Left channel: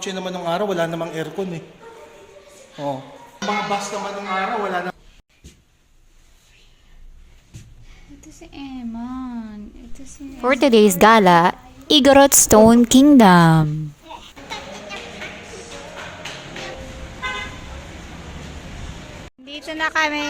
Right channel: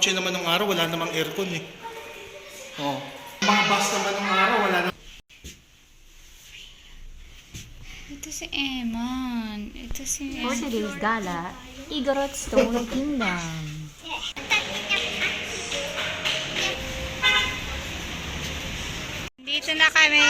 kotse naman ng araw, wala namang aircon eh. Oh. Mga bus naman ng araw, wala na. Ito si Eman. Ito si For today's gala, Igorot Stone Kingdom. Dito na kami.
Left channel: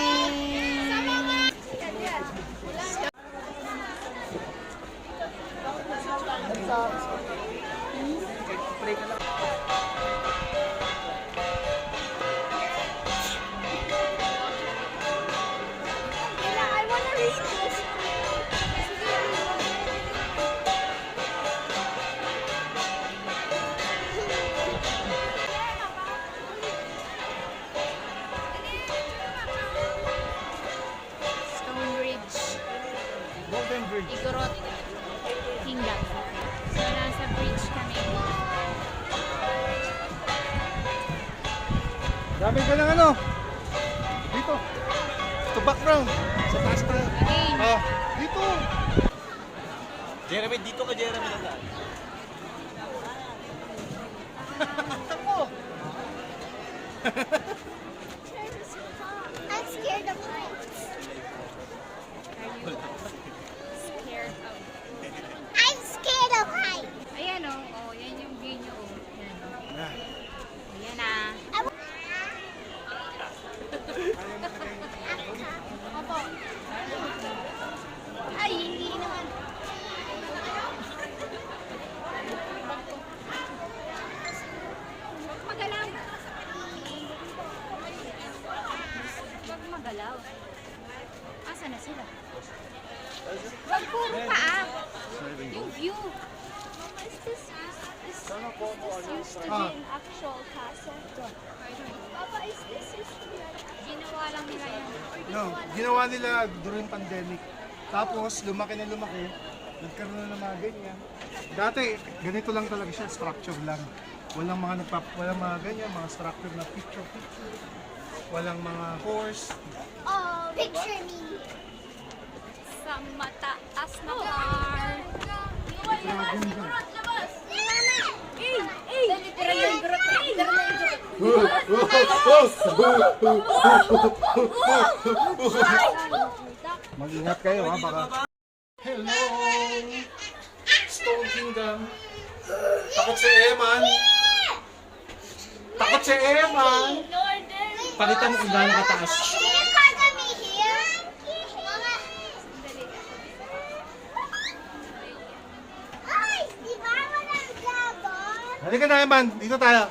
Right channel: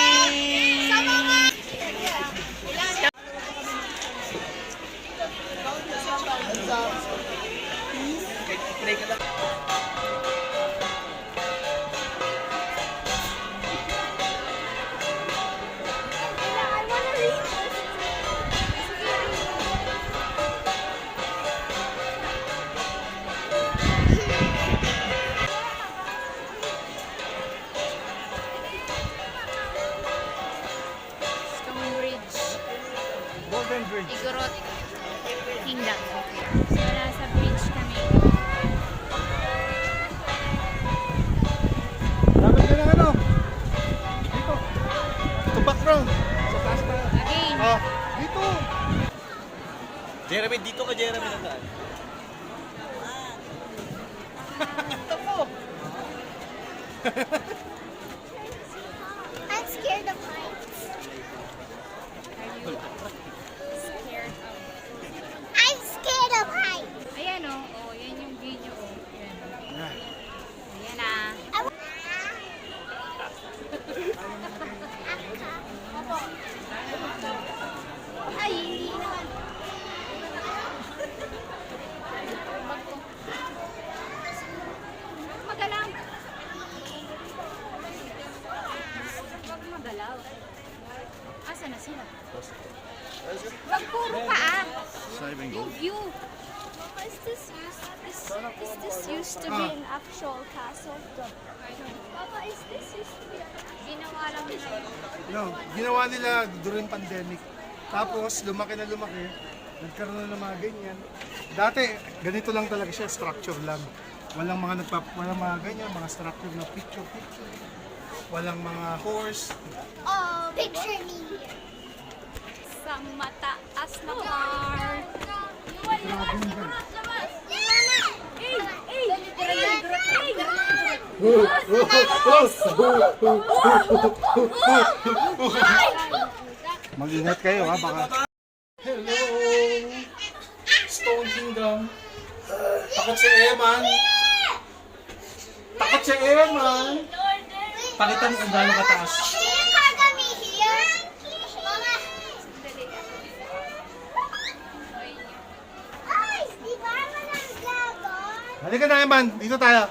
Stonebridge. Golden Bridge. Igorot Kingdom. So, nasa bridge kami. Lapit ka ng ano? Dito. Dito background. Sa taas ka. Again. Oh, dito. Jeremy, dito ka Jeremy na daan. Tapo. I'm scared of heights. Are you scared of... I'm scared of heights. Ayan o. Oh, yan yung view nyo. Oh. Yan. Ah. Ayan ah. Ay, hindi naman. Huwag magalaw. Huwag magalaw. Asa na sila? Huwag puro paa. Yung view. Is this used to be an actual castle? Papa, is this used to be Ginawa lang nila yun. No, ginawa nila during pandemic. Tapos, lumaki na lumaki. Nagkaroon ng mga ganyan. Dati, ganito lang talaga siya, structure lang. Walang walang mga ganyan, mga structure na picture. Walang mga horse. picture me? Sa mataas na part. Mag-ingat kayo ha, baka. Hello! Stone Kingdom. Takot si Eman. Takot si Eman. Pakita mo kung gaano kataas. Can you cargo me here? Mama. Ay, di ba walang dragon? Halika na Eman, dito tayo.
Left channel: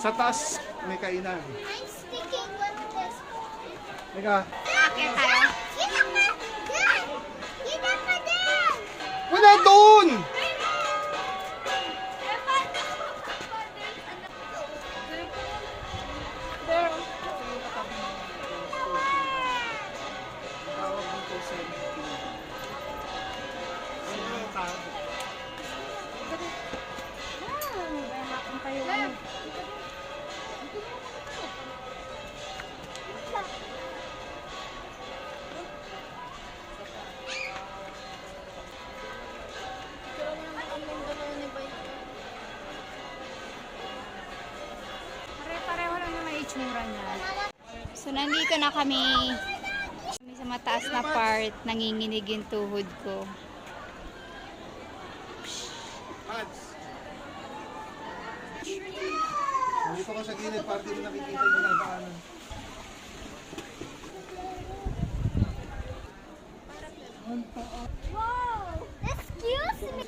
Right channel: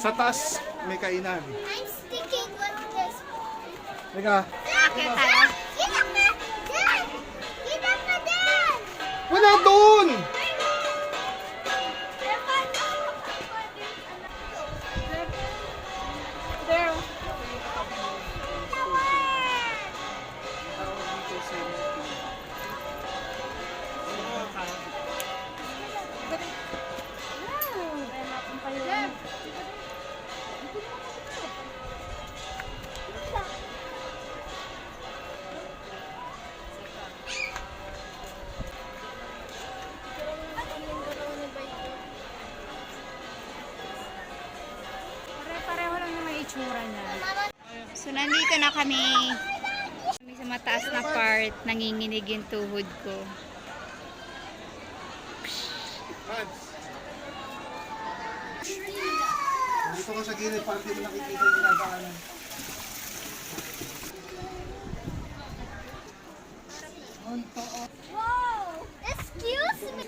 Sa taas, may kainan. I'm sticking with this. Halika. Get up, Dad! Get up, Dad! Wala doon! Pero, Pare-pareho lang yung may itsura niya. So, nandito na kami. Kami sa mataas na part. Nanginginig yung tuhod ko. Dito ka sa gilid para hindi nakikita yung ginagaanan. whoa! Excuse me!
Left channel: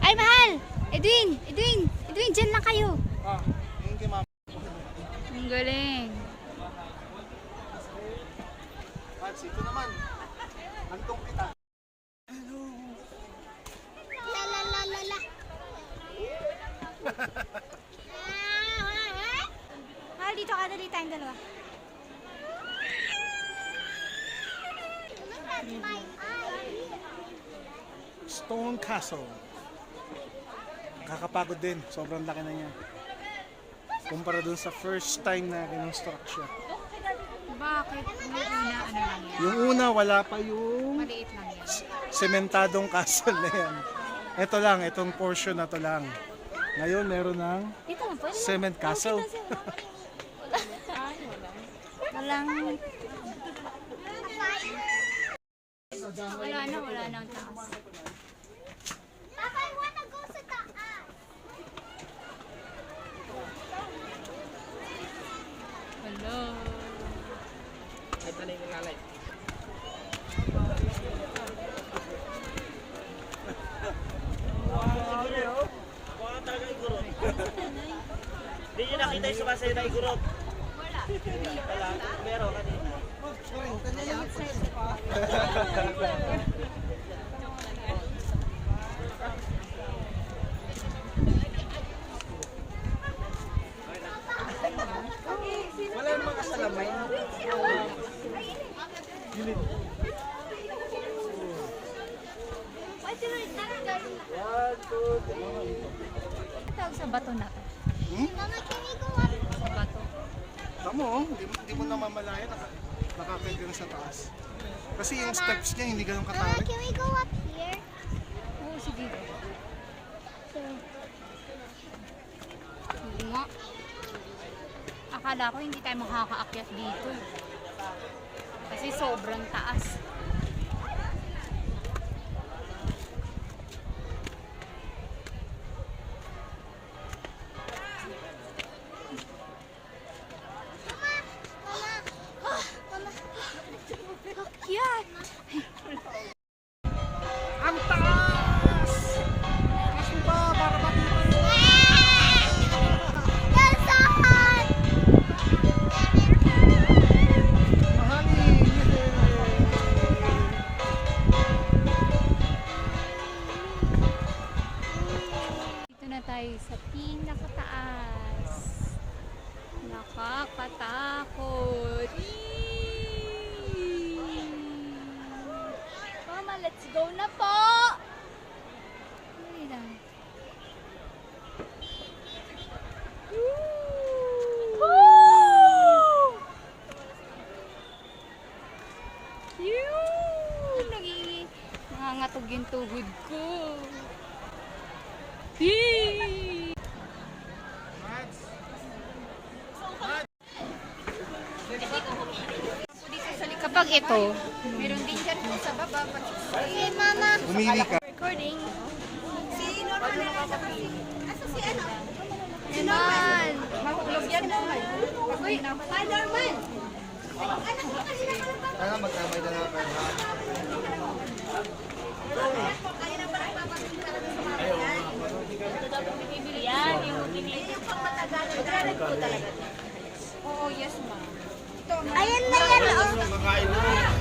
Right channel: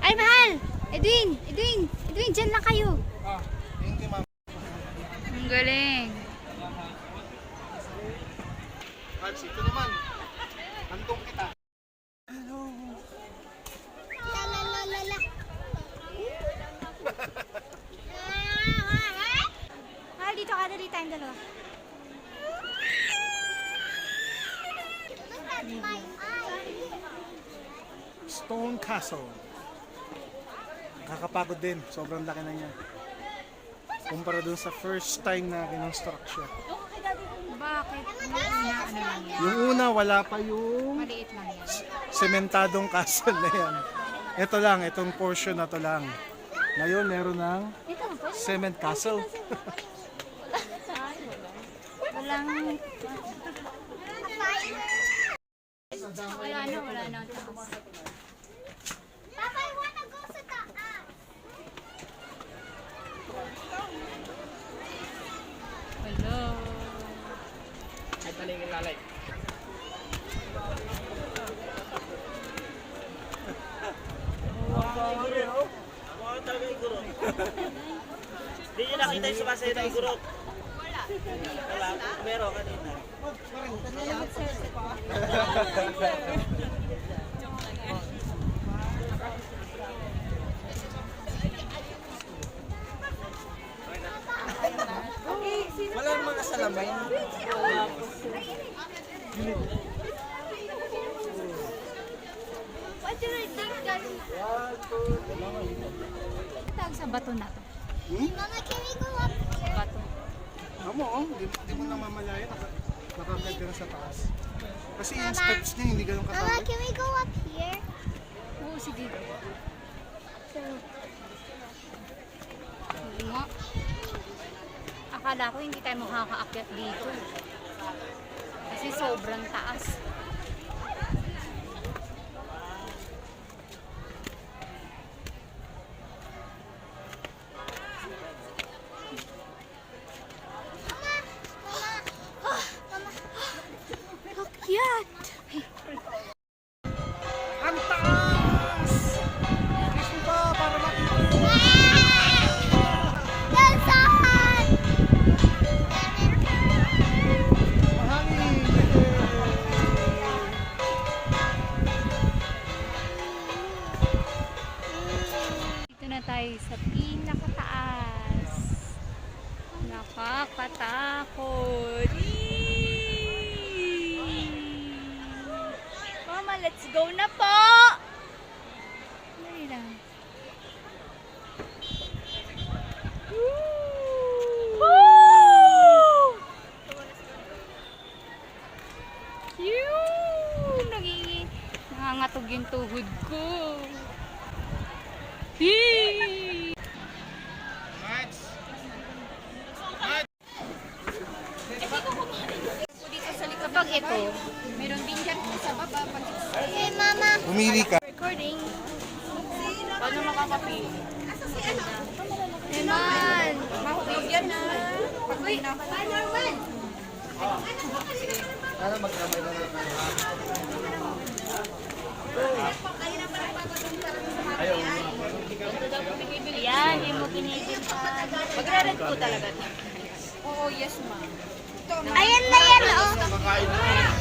Ay, mahal! Edwin! Edwin! Edwin, dyan lang kayo. Ah, yung kay ma'am. Ang galing. Vibes, ito naman. Hantong kita. Hello. La la la la la. Mahal, dito ka. Dali tayong dalawa. Stone Castle. Kakapagod din. Sobrang laki na niya. Kumpara dun sa first time na kinonstruct siya. Bakit? Nung una, ano lang yan? Yung una, wala pa yung Maliit lang yan. sementadong castle na yan. Ito lang, itong portion na to lang. Ngayon, meron ng cement castle. Walang... Wala na ang taas. Papa, I wanna go sa taas. Hello. Hindi nyo nakita yung sumasayo na igurot. Wala. Meron kanina. Wala yung mga salamay. What do I think that? Ang tawag sa bato na to? Mama, can we go up? Sa bato. Tamo, hindi mo namamalaya, nakapegang sa taas. Kasi yung steps niya, hindi ganun Mama, katawid. can we go up here? Oo, sige. So, Hindi nga. Akala ko hindi tayo makakaakyat dito. Kasi sobrang taas. yan. Ang taas! Taas mo ba para makita mo? Nasaan? Mahangin! Yay! Dito na tayo sa pinakataas. Nakakatakot. Mama, let's go na po. Dali lang. Nangangatog yung tuhod ko. Yee! Kapag ito, meron din ganito sa baba. Hey, Mama. Umili ka. Recording. Naman. Yan na. Uy, hi, Norman. Yan, yung pinili. Ayan na yan, oh.